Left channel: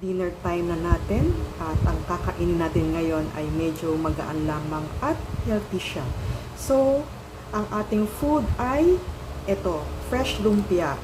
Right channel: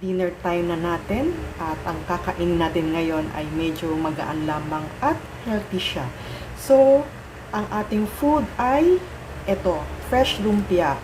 Dinner time na natin at ang kakainin natin ngayon ay medyo magaan lamang at healthy siya. So, ang ating food ay ito, fresh lumpia.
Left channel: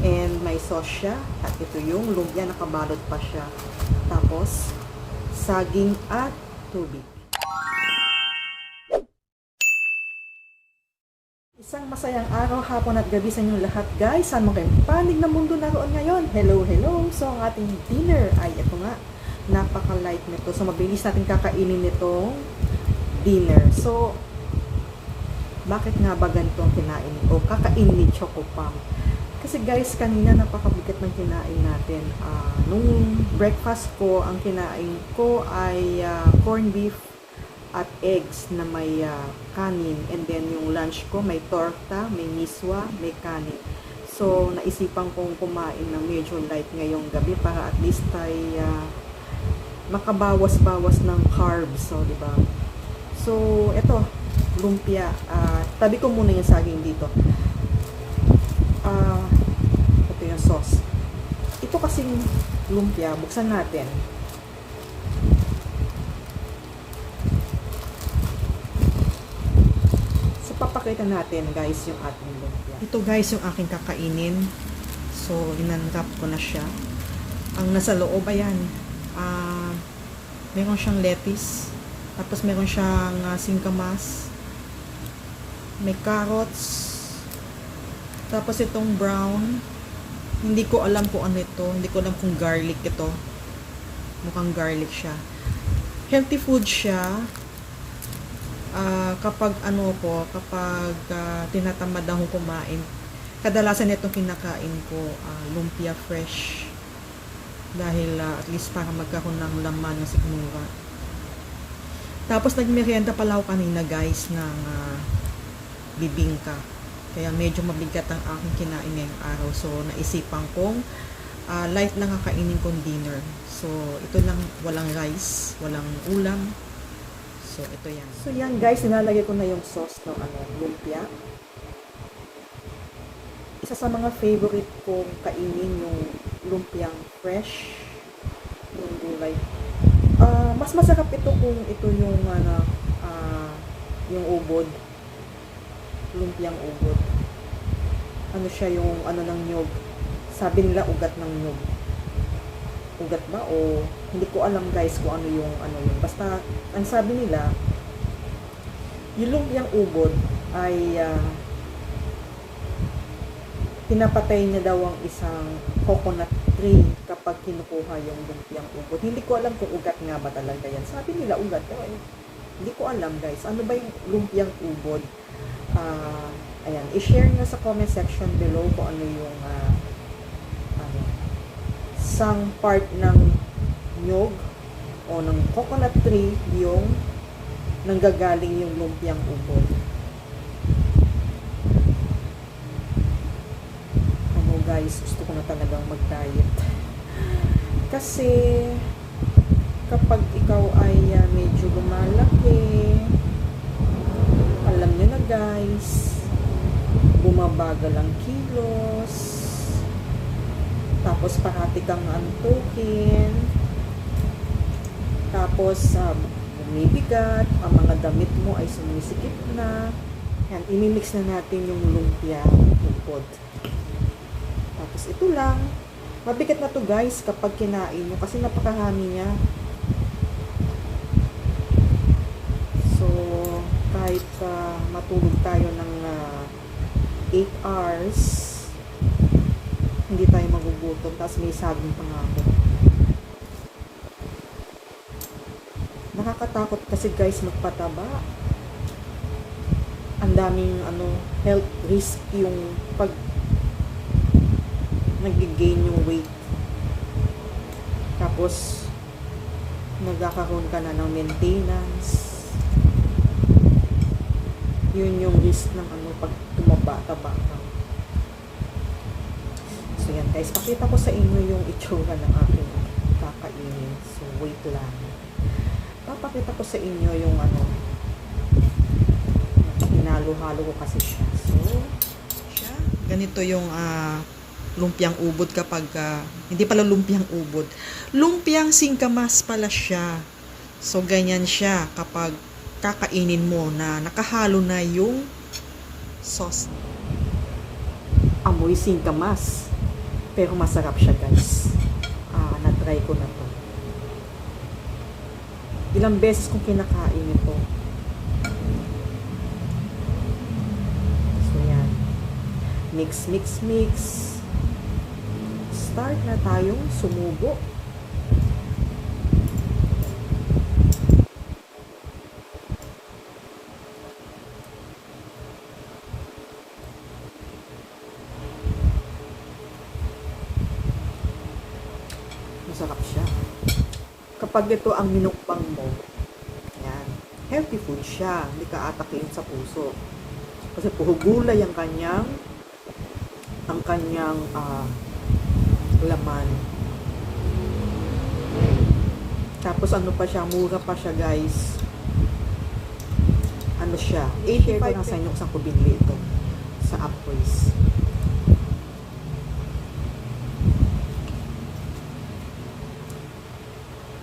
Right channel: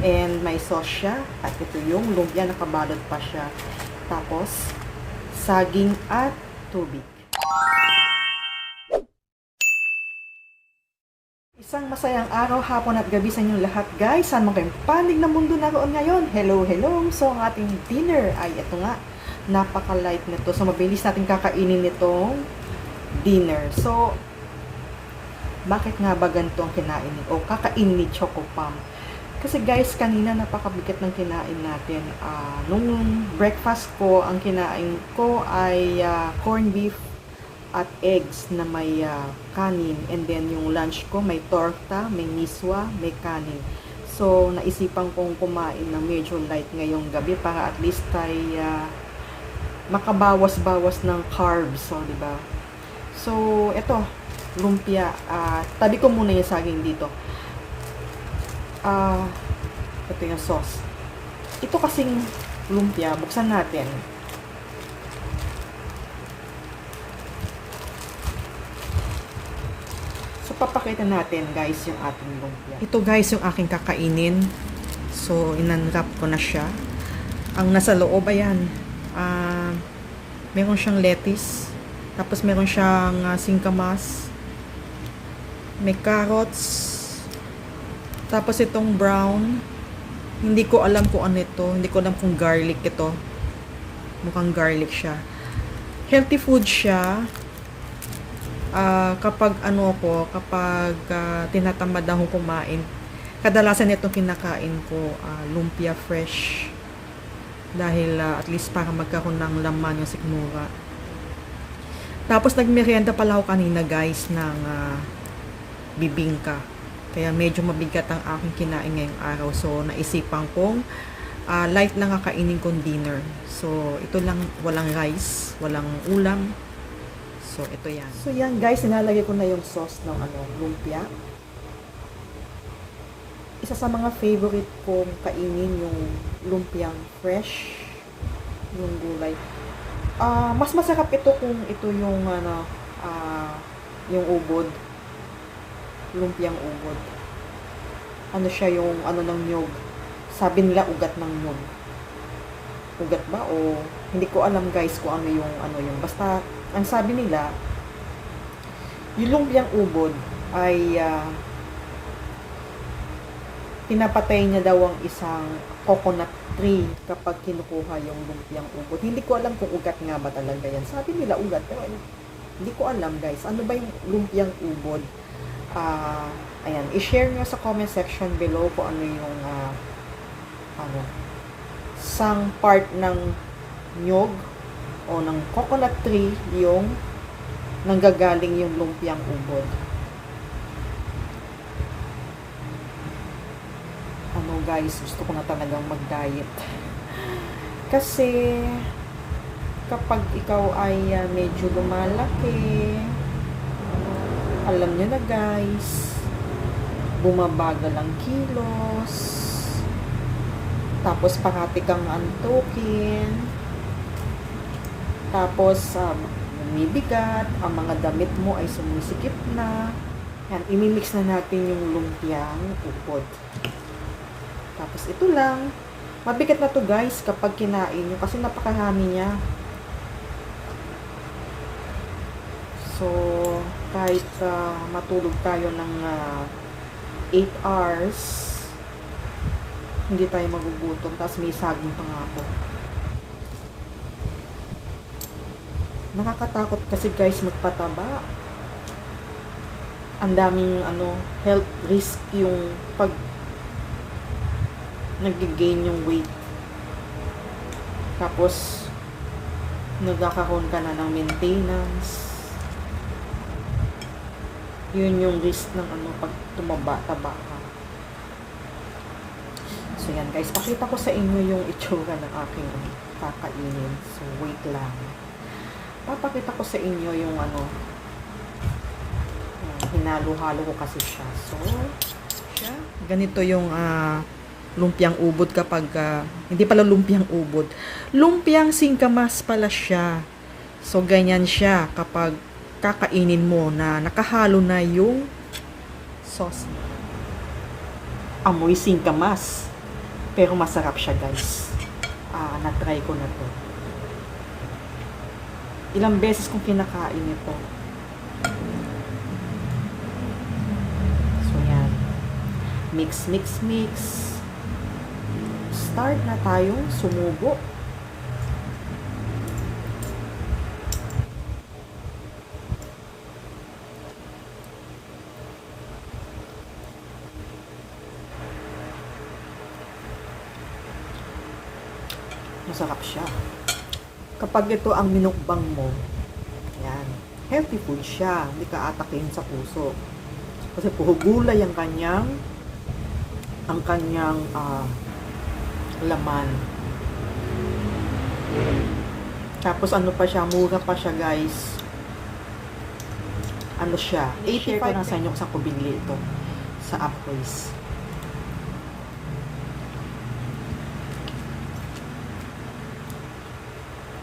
And may sauce siya at ito yung lumpia, nakabalot pa siya. Tapos, saging at tubig. Isang masayang araw, hapon at gabi sa inyong lahat guys. Saan mo kayong panig na mundo naroon ngayon? Hello, hello! So ang ating dinner ay ito nga. Napaka-light nito. So mabilis natin kakainin nitong dinner. So, bakit nga ba ganito ang kinain o kakainin ni Choco Pam? Kasi guys, kanina napakabigat ng kinain natin. Nung breakfast ko, ang kinain ko ay corned beef at eggs na may kanin, and then yung lunch ko may torta, may miswa, may kanin. So naisipan kong kumain ng medyo light ngayong gabi para at least ay makabawas-bawas ng carbs, so di ba? So eto, lumpia. Tabi ko muna yung saging dito. Ito yung sauce. Ito kasing lumpia, buksan natin. Papakita natin guys yung ating lumpia. Ito guys yung aking kakainin. So inunwrap ko na siya. Ang nasa loob ayan, meron siyang lettuce, tapos meron siyang singkamas, may carrots, tapos itong brown, hindi ko alam kung ano ito, hindi ko alam kung garlic ito, mukhang garlic siya. Healthy food siya. Kapag tinatamad akong kumain, kadalasan itong kinakain ko, lumpia fresh, dahil at least para magkaroon ng laman yung sikmura. Tapos nagmerienda pala ako kanina guys ng bibingka, kaya medyo mabigat ang aking kinain ngayong araw. So naisipan kong light lang ang kainin kong dinner. So ito lang, walang rice, walang ulam. So, ito yan. So, yan guys, nilalagay ko na yung sauce ng lumpia. Isa sa mga favorite kong kainin yung lumpiang fresh, yung gulay. Mas masarap ito kung ito yung yung ubod. Lumpiang ubod. Ano siya, yung ng nyog. Sabi nila ugat ng nyog. Ugat ba o hindi ko alam guys kung ano yung basta ang sabi nila yung lumpiang ubod ay pinapatay na daw ang isang coconut tree kapag kinukuha yung lumpiang ubod. Hindi ko alam kung ugat nga ba talaga yan. Sabi nila ugat, pero hindi ko alam guys. Ano ba yung lumpiang ubod? Ayan, i-share nyo sa comment section below kung ano yung sang part ng nyog o ng coconut tree yung nanggagaling yung lumpiang ubod. Guys, gusto ko na talagang mag-diet. Kasi kapag ikaw ay medyo lumalaki, alam nyo na guys, bumabagal ang kilos, tapos parati kang antukin, tapos bumibigat, ang mga damit mo ay sumisikip na. Yan, imimix na natin yung lumpia ubod. Tapos ito lang, mabigat na to guys kapag kinain nyo kasi napakarami niya. So kahit matulog tayo ng 8 hours, hindi tayo magugutom. Tapos may saging pa nga ako. Nakakatakot kasi guys magpataba. Ang daming health risk yung pag nag-gain yung weight. Tapos nagkakaroon ka na ng maintenance. Yun yung risk ng pag tumaba-taba ka. So yan guys, pakita ko sa inyo yung itsura ng aking kakainin. So wait lang. Papakita ko sa inyo yung hinalo-halo ko kasi siya. So, siya. Ganito yung lumpiang ubod kapag, hindi pala lumpiang ubod. Lumpiang singkamas pala siya. So, ganyan siya kapag kakainin mo na nakahalo na yung sauce. Amoy singkamas. Pero masarap siya, guys. Na-try ko na to. Ilang beses kong kinakain ito. So, yan. Mix, mix, mix. Start na tayong sumubo. Masarap siya. Kapag ito ang minukbang mo, yan, healthy food siya. Hindi ka atakin sa puso. Kasi puro gulay ang kanyang laman. Tapos ano pa siya, mura pa siya, guys. Ano siya? I-share ko na sa inyo kung saan ko binili ito. Sa Upways.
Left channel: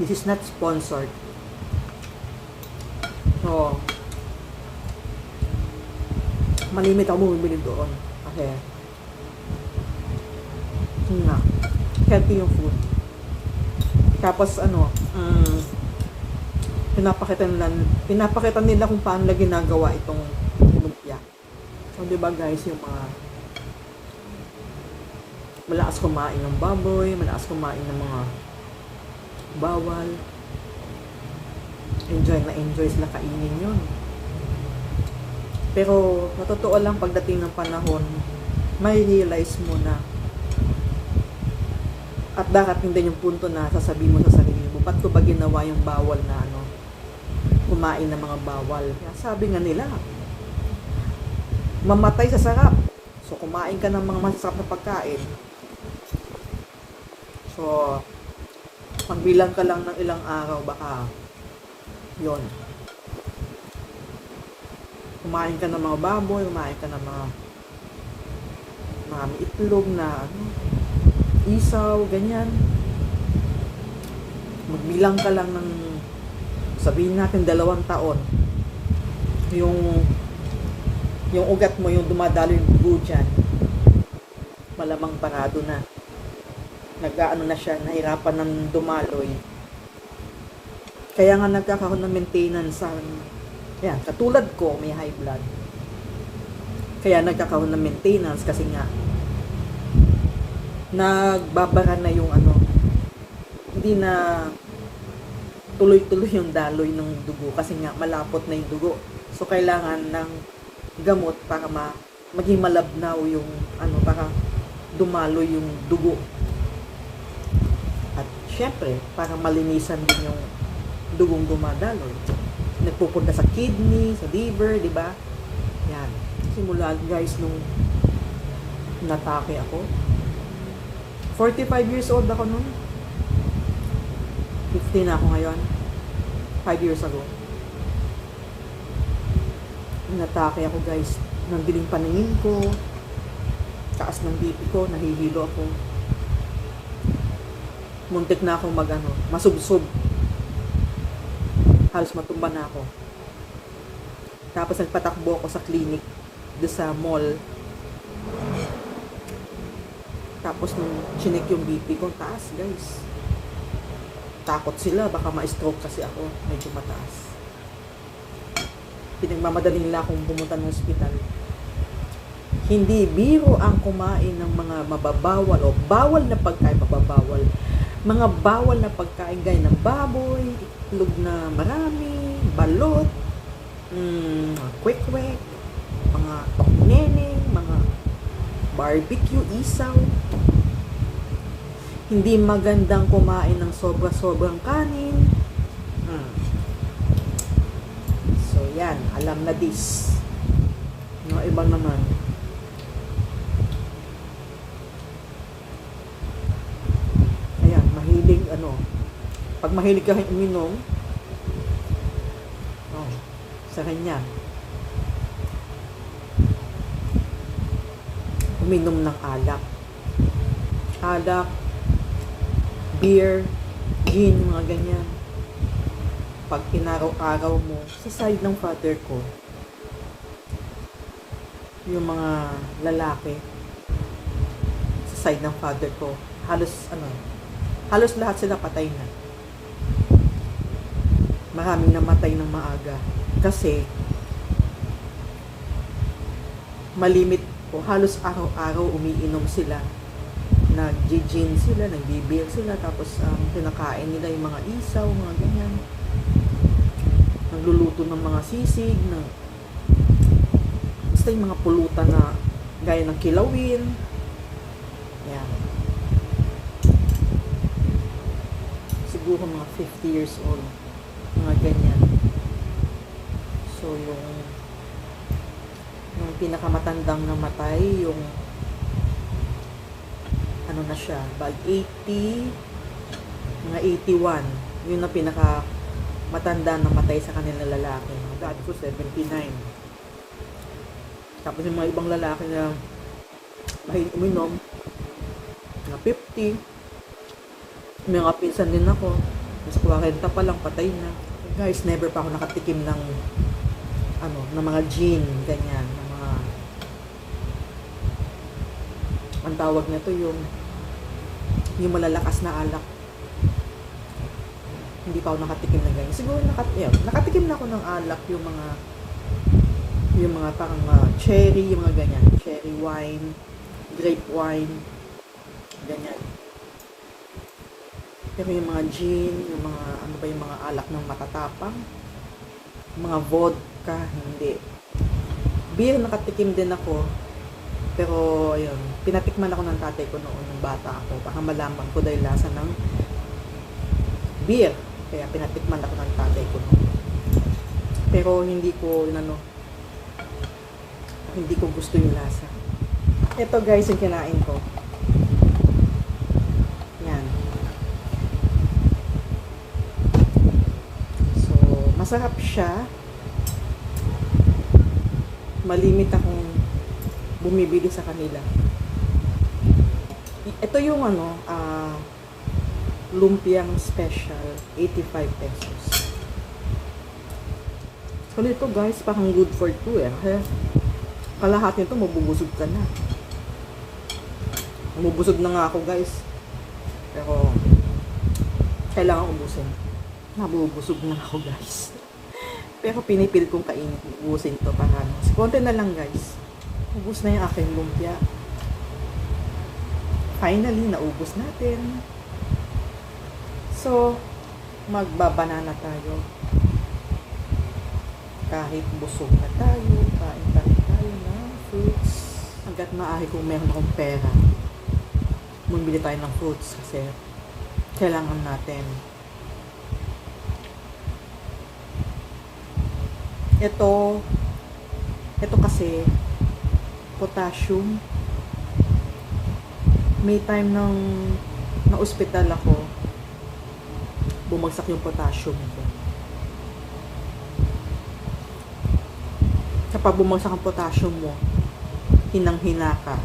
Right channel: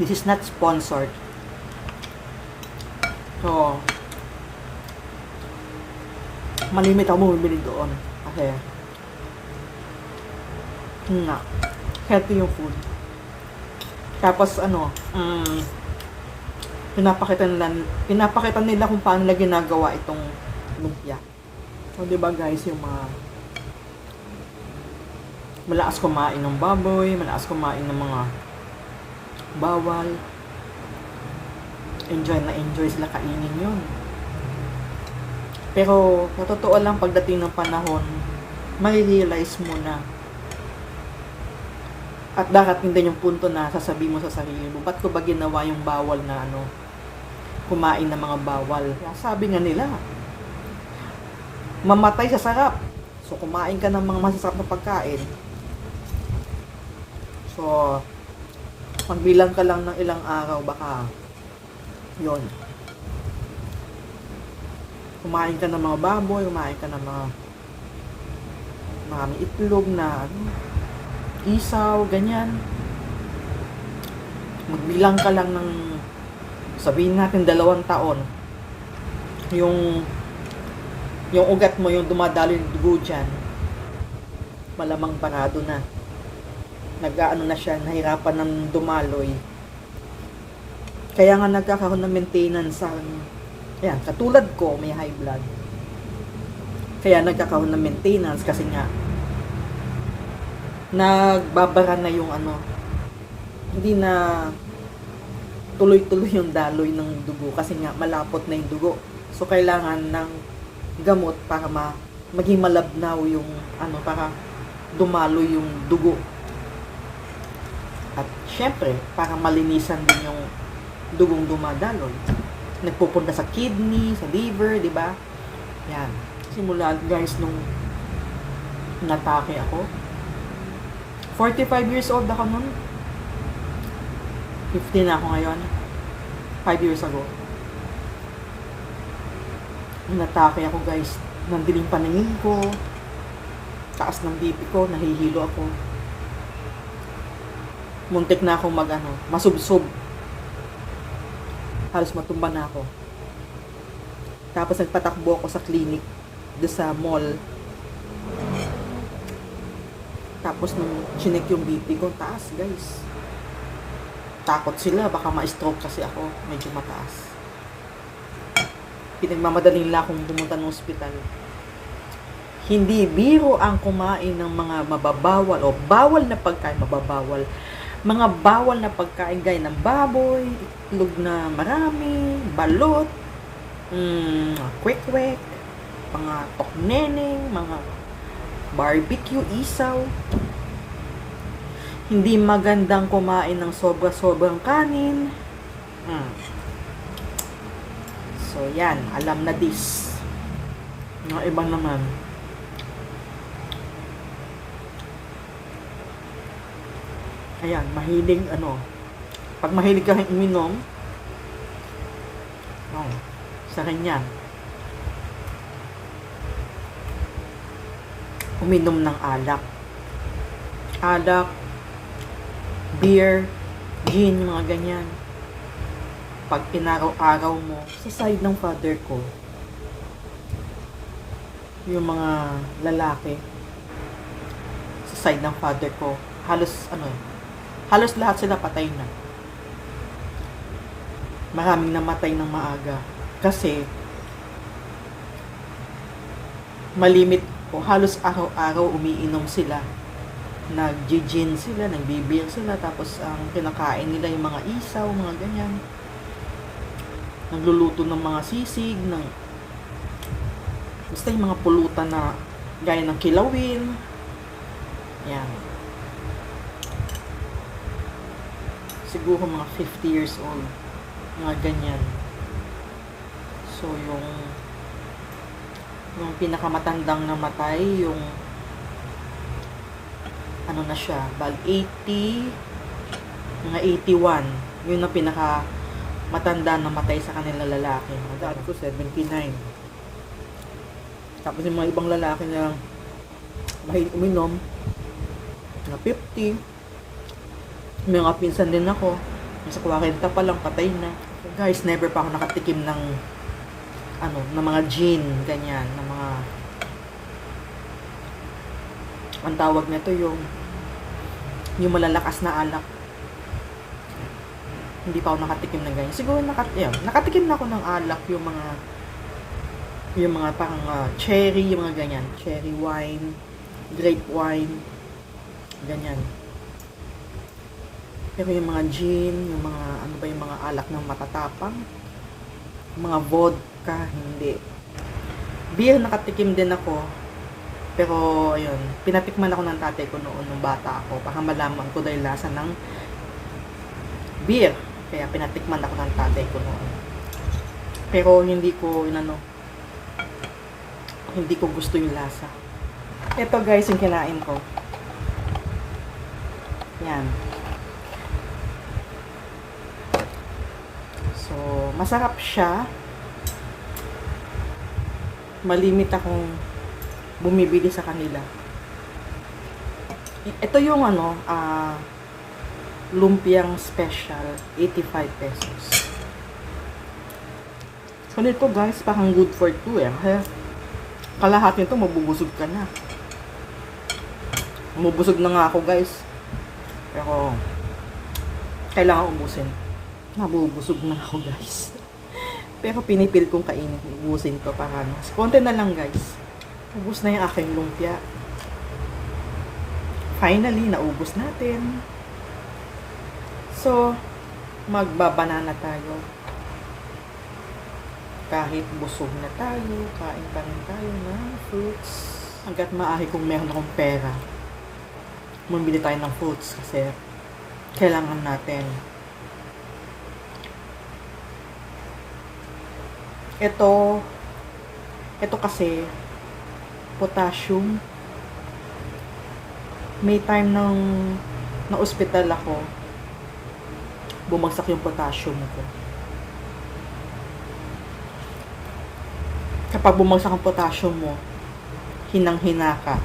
This is not sponsored. So, malimit ako bumibili doon. Kasi, healthy yung food. Tapos, pinapakita nila kung paano nila ginagawa itong lumpia. So, diba guys, yung mga malakas kumain ng baboy, malakas kumain ng mga bawal. Enjoy sila kainin yun. Pero, sa totoo lang, pagdating ng panahon, mai-realize mo na at darating din yung punto na sasabihin mo sa sarili mo, ba't ko ba ginawa yung bawal na kumain ng mga bawal? Kaya sabi nga nila, mamatay sa sarap. So, kumain ka ng mga masasarap na pagkain. So, magbilang ka lang ng ilang araw, baka yon. Kumain ka ng mga baboy, kumain ka ng mga itlog na isaw, ganyan. Magbilang ka lang ng, sabihin natin 2 taon, yung ugat mo, yung dumadalo yung dugo dyan, malamang parado na. Nag-aano na siya, nahirapan ng dumaloy. Kaya nga nagkakaroon ng maintenance sa, yan, katulad ko, may high blood. Kaya nagkakaroon ng maintenance kasi nga, nagbabara na yung hindi na tuloy-tuloy yung daloy ng dugo kasi nga malapot na yung dugo. So, kailangan ng gamot para maging malabnaw yung, para dumaloy yung dugo. At syempre, para malinisan din yung dugong dumadaloy. Nagpupunta sa kidney, sa liver, di ba? Yan. Simula, guys, nung natake ako. 45 years old ako nun. 50 na ako ngayon. 5 years ago. Natake ako, guys. Nandiling paningin ko. Taas ng BP ko. Nahihilo ako. Muntik na akong masubsob. Halos matumba na ako. Tapos nagpatakbo ako sa clinic. Doon sa mall. Tapos nung chinek yung BP ko, taas, guys. Takot sila, baka ma-stroke kasi ako. Medyo mataas. Pinagmamadaling nila akong pumunta ng ospital. Hindi biro ang kumain ng mga mababawal o bawal na pagkain, mababawal. Mga bawal na pagkain gaya ng baboy, itlog na marami, balot, kwek-kwek, mga tokneneng, mga barbecue, isaw. Hindi magandang kumain ng sobra-sobrang kanin. So, yan. Alam na this. Mga ibang naman. Ayan, mahilig, pag mahilig ka uminom, sa kanya, uminom ng alak. alak, beer, gin, mga ganyan. Pag inaraw-araw mo, sa side ng father ko, yung mga lalaki, sa side ng father ko, halos lahat sila patay na. Maraming namatay ng maaga. Kasi, malimit o halos araw-araw umiinom sila. Nag-gin sila, nag-beer sila, tapos ang kinakain nila yung mga isaw, mga ganyan. Nagluluto ng mga sisig, basta yung mga pulutan na gaya ng kilawin. Yan. Siguro mga 50 years old. Mga ganyan. So, yung pinakamatandang namatay, yung ano na siya, bag 80, mga 81. Yun ang pinakamatanda na matay sa kanila lalaki. Dati ko 79. Tapos yung mga ibang lalaki na mahilig uminom, mga 50. May mga pinsan din ako. Sa 40 pa lang, patay na. Guys, never pa ako nakatikim ng ng mga gin, ganyan, ng mga ang tawag nito yung malalakas na alak. Hindi pa ako nakatikim ng ganyan. Siguro nakatikim na ako ng alak, yung mga parang cherry, yung mga ganyan, cherry wine, grape wine, ganyan. Pero yung mga gin, yung mga yung mga alak ng matatapang, mga vodka, hindi. Beer, nakatikim din ako. Pero, ayun, pinatikman ako ng tatay ko noon nung bata ako. Baka malaman ko dahil lasa ng beer. Kaya pinatikman ako ng tatay ko noon. Pero, hindi ko gusto yung lasa. Ito guys, yung kinain ko. Yan. So, masarap siya. Malimit akong bumibili sa kanila. Ito yung lumpiang special, 85 pesos. Kulit ko guys, parang good for 2 eh. Kaya kalahati nito, mabubusog ka na. Mabubusog na nga ako guys. Pero kailangan ubusin. Mabubusog na ako guys. Pero pinipil kong kainin, ubusin to para konti na lang guys. Ubus na yung aking lumpia. Finally, naubos natin. So, magbabanana tayo. Kahit busog na tayo, kain pa rin tayo ng fruits. Hanggat maaari kung meron akong pera, bumili tayo ng fruits kasi kailangan natin. Ito kasi potassium. May time na ospital ako, bumagsak yung potassium ko. Kapag bumagsak ang potassium mo, hinang-hina ka,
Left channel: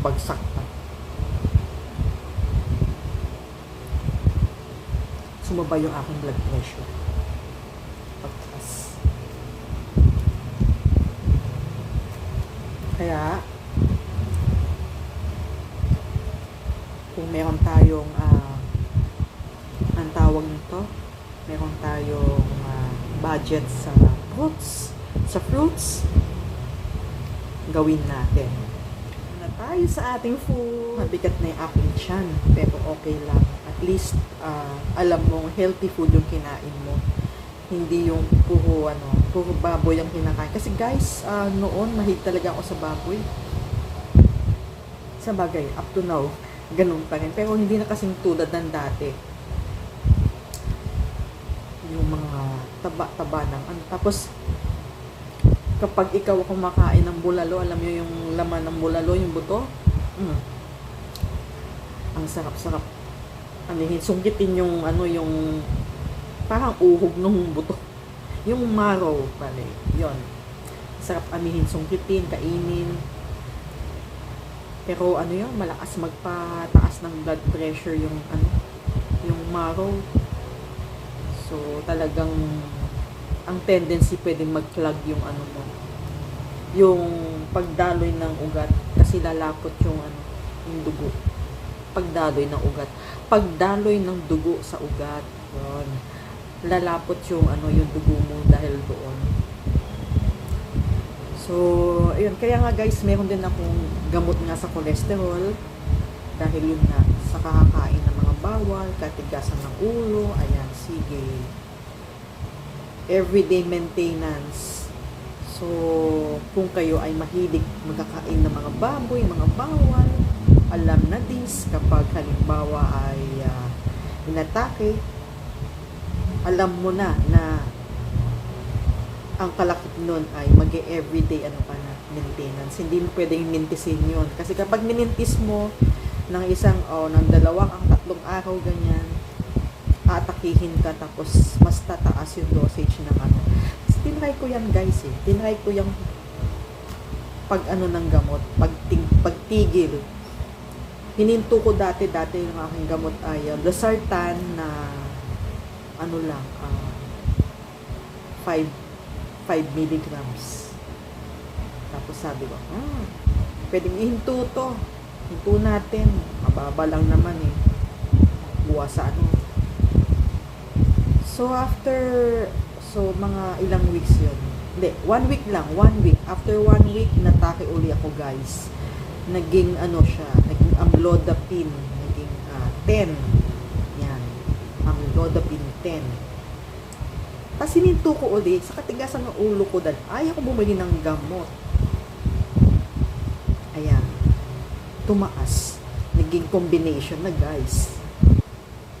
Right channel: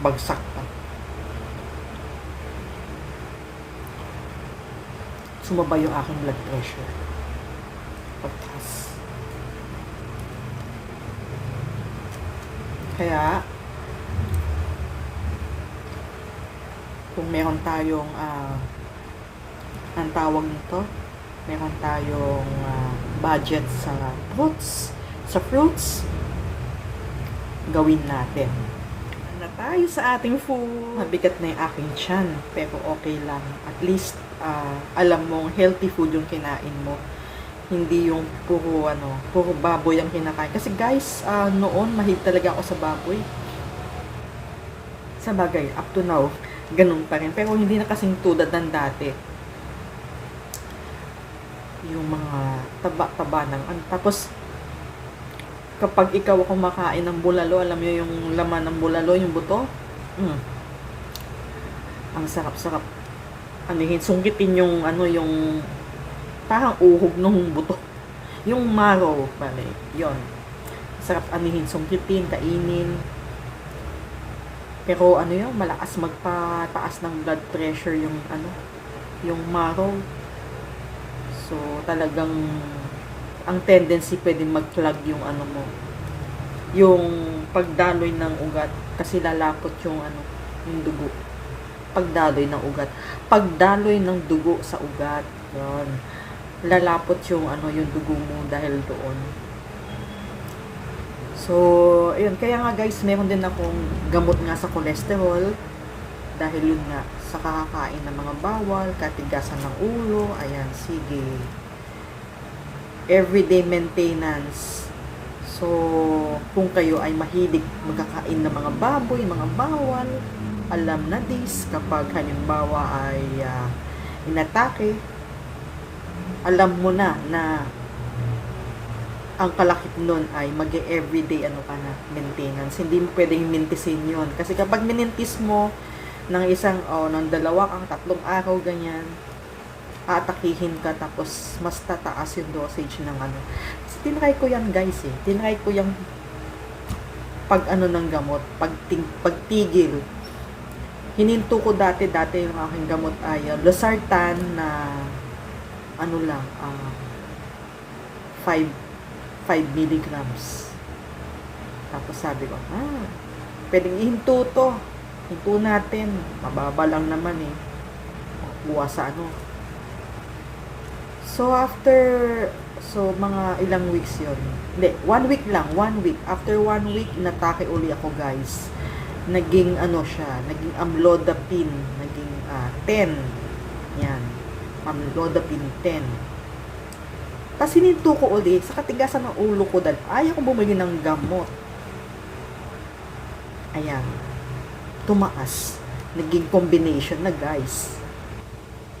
bagsak ka. Sumaba yung aking blood pressure. Pagtaas. Kaya, kung meron tayong, ang tawag nito, meron tayong budget sa fruits, gawin natin. Na tayo sa ating food. Mabigat na yung aking tiyan, pero okay lang. At least, alam mong healthy food yung kinain mo. Hindi yung puro baboy ang kinakain. Kasi guys, noon mahilig talaga ako sa baboy. Sa bagay, up to now, ganun pa rin. Pero hindi na kasing tulad ng dati. Yung mga taba-taba ng tapos, kapag ikaw kumakain ng bulalo, alam mo yung laman ng bulalo, yung buto? Ang sarap-sarap. Sungkitin yung yung parang uhog ng buto. Yung marrow, pala. Yon. Sarap sungkitin, kainin. Pero ano yun, malakas magpataas ng blood pressure yung ano, yung marrow. So talagang ang tendency pwedeng mag-clog yung ano mo, yung pagdaloy ng ugat kasi lalapot yung ano, yung dugo. Pagdaloy ng ugat. Pagdaloy ng dugo sa ugat. Yun. Lalapot yung ano, yung dugo mo dahil doon. So, ayun. Kaya nga guys, meron din akong gamot nga sa cholesterol. Dahil yun nga, sa kakakain ng mga bawal, katigasan ng ulo. Ayan, sige. Everyday maintenance. So, kung kayo ay mahilig magkakain ng mga baboy, mga bawal, alam na this, kapag halimbawa ay inatake, alam mo na ang kalakip nun ay mag-everyday ano ka na, maintenance. Hindi mo pwedeng mintisin yun. Kasi kapag minintis mo ng isang, ng 2 ang 3 araw, ganyan, aatakihin ka tapos mas tataas yung dosage ng ano. Kasi tinry ko yan guys eh. Tinry ko yung pag ano ng gamot, pagtigil. Hininto ko dati yung aking gamot ay losartan na ano lang, 5 milligrams. Tapos sabi ko, pwedeng ihinto to. Hinto natin. Mababa lang naman eh. Makuha sa ano. So, mga ilang weeks yun. Hindi, 1 week lang. 1 week. After 1 week, natake uli ako guys. Naging ano siya, naging amlodipine. Naging 10. Yan. Amlodipine 10. Tapos hininto ko ulit sa katigasan ng ulo ko dahil ayaw ko bumili ng gamot. Ayan. Tumaas. Naging combination na guys.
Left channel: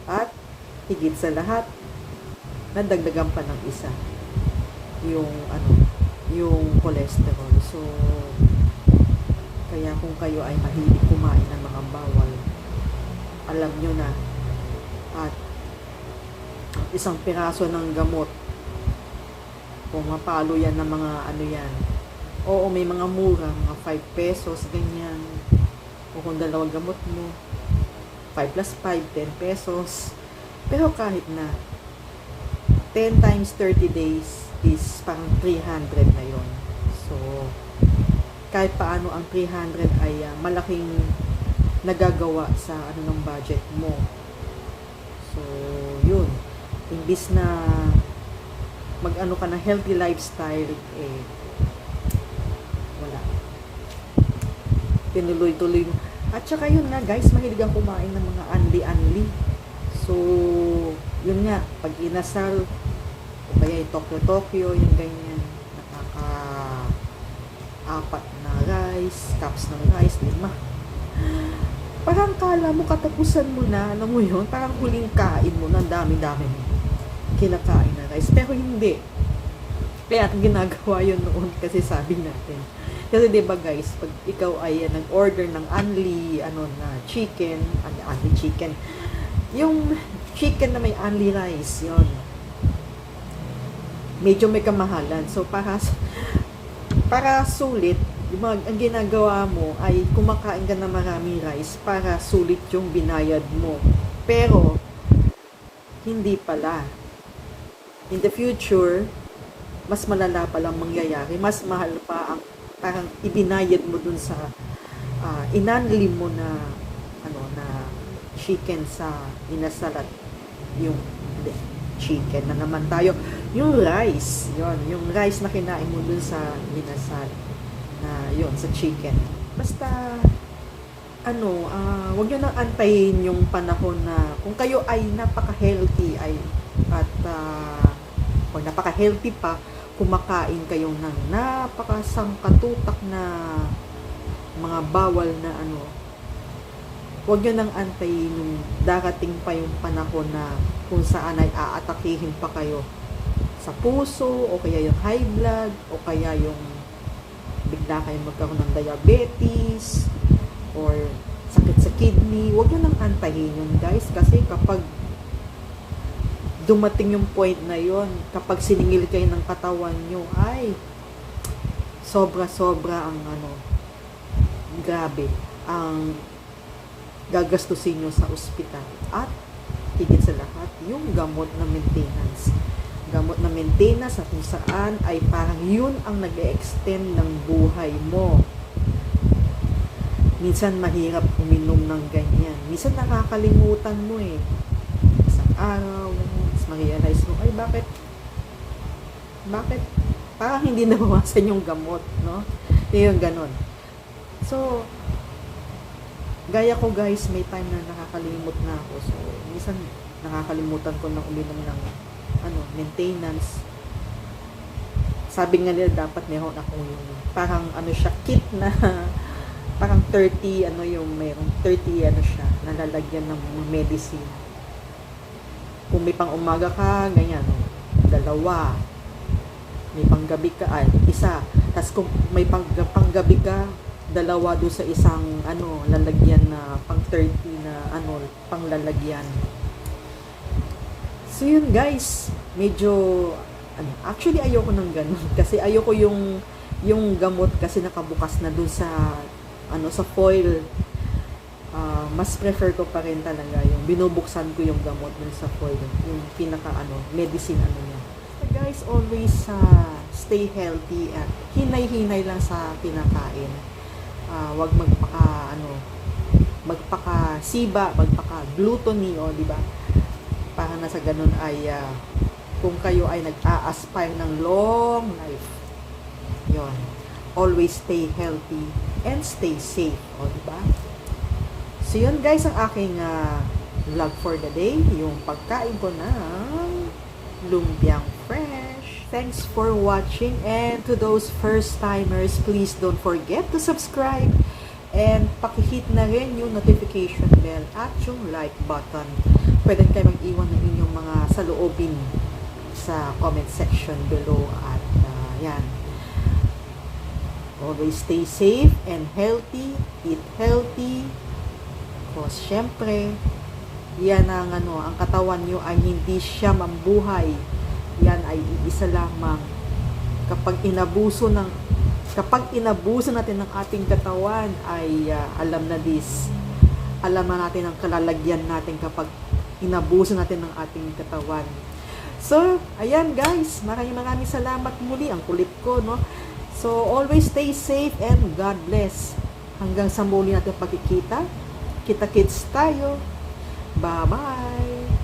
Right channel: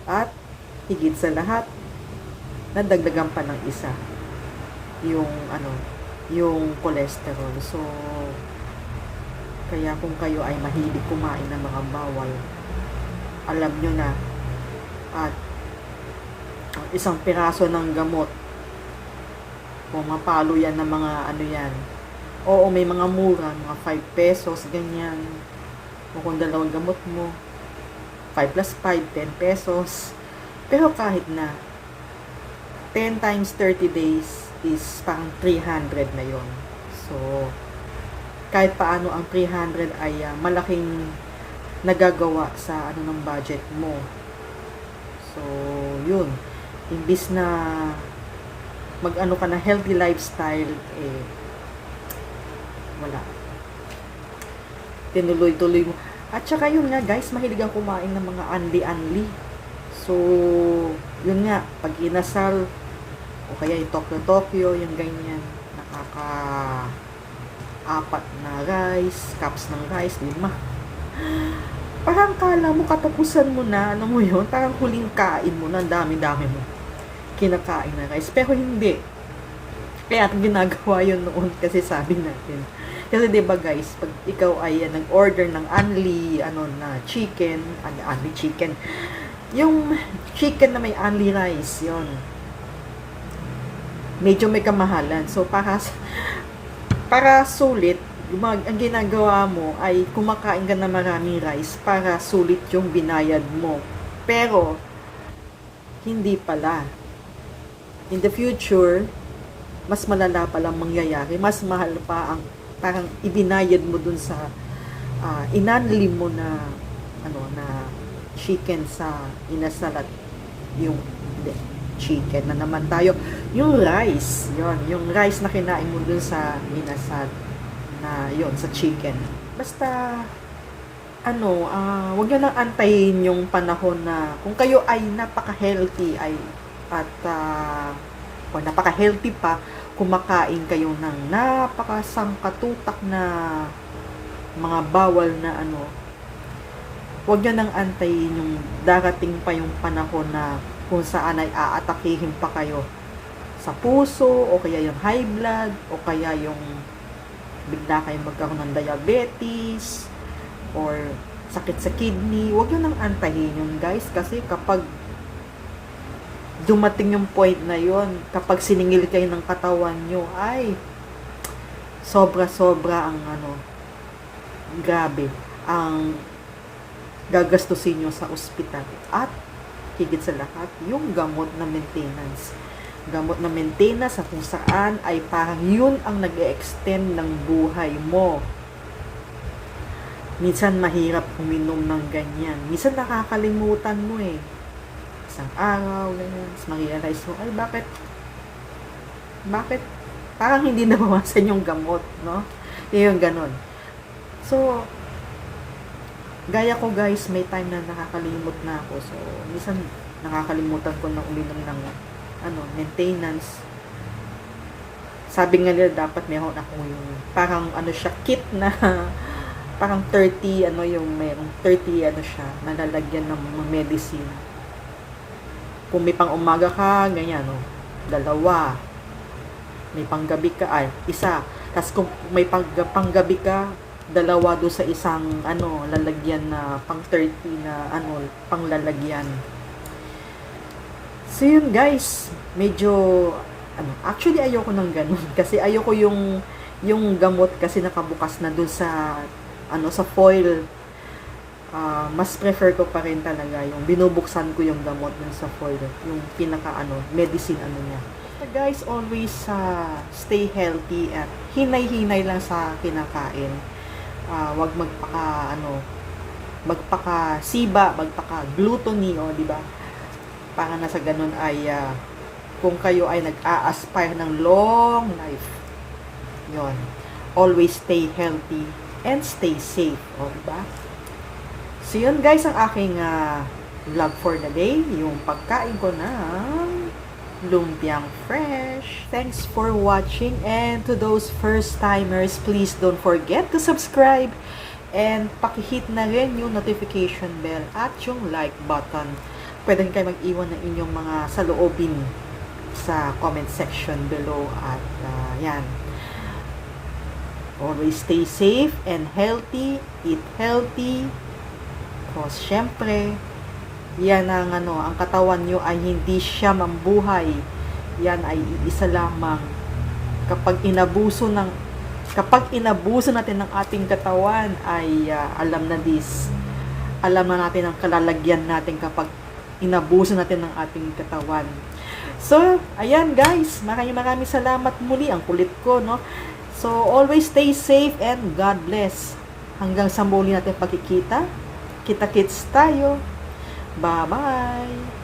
At higit sa lahat, nadagdagan pa ng isa. Yung ano, yung cholesterol. So, kaya kung kayo ay mahilig kumain ng mga bawal, alam nyo na. At ang isang piraso ng gamot, kung mapalo yan ng mga ano yan, oo, may mga mura, mga 5 pesos, ganyan. O kung 2 gamot mo, 5 plus 5, 10 pesos. Pero kahit na 10 times 30 days is parang 300 na yon. So, kahit paano ang 300 ay malaking nagagawa sa ano ng budget mo. So, yun. Imbis na mag-ano ka na healthy lifestyle, eh, wala. Tinuloy-tuloy mo. At saka yun nga guys, mahilig ang kumain ng mga anli-anli. So, yun nga, pag inasal, o kaya yung Tokyo-Tokyo, yung ganyan, nakaka-4 na rice, cups ng rice, 5. Parang kala mo katapusan mo na, ano mo yun, parang huling kain mo na, dami-dami mo kinakain na rice. Pero hindi. Kaya ginagawa yun noon kasi sabi natin. Kasi 'di ba guys, pag ikaw ay nag-order ng unli na chicken, unli chicken. Yung chicken na may unli rice, 'yon. Medyo may kamahalan. So para sulit, ang ginagawa mo ay kumakain ka ng maraming rice para sulit yung binayad mo. Pero hindi pala. In the future, mas malala pa lang mangyayari. Mas mahal pa ang parang ibinayad mo dun sa inanli mo na chicken sa inasalat. Yung chicken na naman tayo. Yung rice, yung rice na kinain mo dun sa inasal na sa chicken. Basta wag nyo nang antayin yung panahon na kung kayo ay napaka-healthy o napaka-healthy pa, kumakain kayo ng napakasangkatutak na mga bawal na wag nyo nang antayin yung darating pa yung panahon na kung saan ay aatakihin pa kayo sa puso, o kaya yung high blood, o kaya yung bigla kayong magkaroon ng diabetes, or sakit sa kidney. Huwag nyo nang antahin yun guys, kasi kapag dumating yung point na yon, kapag siningil kayo ng katawan nyo, ay sobra-sobra ang grabe. ang gagastusin nyo sa ospital. At higit sa lahat, yung gamot na maintenance. Gamot na maintenance na kung saan ay parang yun ang nag-extend ng buhay mo. Minsan mahirap uminom ng ganyan. Minsan nakakalimutan mo eh. Isang araw, ganyan. Tapos ma-realize mo, ay bakit parang hindi nabawasan yung gamot, no? Yung ganon. So, gaya ko guys, may time na nakakalimot na ako. So, minsan nakakalimutan ko ng uminom ng maintenance. Sabi nga nila dapat meron ako yung parang siya kit na parang 30 mayroong 30 siya nalalagyan ng mga medicine. Kung may pang umaga ka, ganyan, no? 2. May panggabi ka, isa. Tapos kung may panggabi ka, 2 doon sa isang lalagyan na pang 30 na panglalagyan. So yun guys, medyo actually ayoko ng ganun kasi ayoko yung gamot kasi nakabukas na doon sa sa foil. Mas prefer ko pa rin talaga yung binubuksan ko yung gamot dun sa foil, yung pinaka medicine niya. So guys, always stay healthy at hinay-hinay lang sa kinakain. Wag magpaka-siba, magpaka-gluttony, di ba? Para na sa ganun ay kung kayo ay nag-a-aspire ng long life, yon, always stay healthy and stay safe, di ba? So yun guys, ang aking vlog for the day, yung pagkain ko ng lumpiang fresh. Thanks for watching, and to those first timers, please don't forget to subscribe and pakihit na rin yung notification bell at yung like button. Pwede rin kayo mag-iwan ng inyong mga saloobin sa comment section below at yan. Always stay safe and healthy, eat healthy, because syempre yan ang ang katawan nyo ay hindi siya mambuhay. Yan ay isa lamang kapag inabuso natin ng ating katawan ay alam na natin ang kalalagyan natin kapag inabuso natin ng ating katawan. So, ayan guys, maraming salamat muli. Ang kulit ko, no? So, always stay safe and God bless. Hanggang sa muli natin pagkikita. Kita-kits tayo. Bye-bye!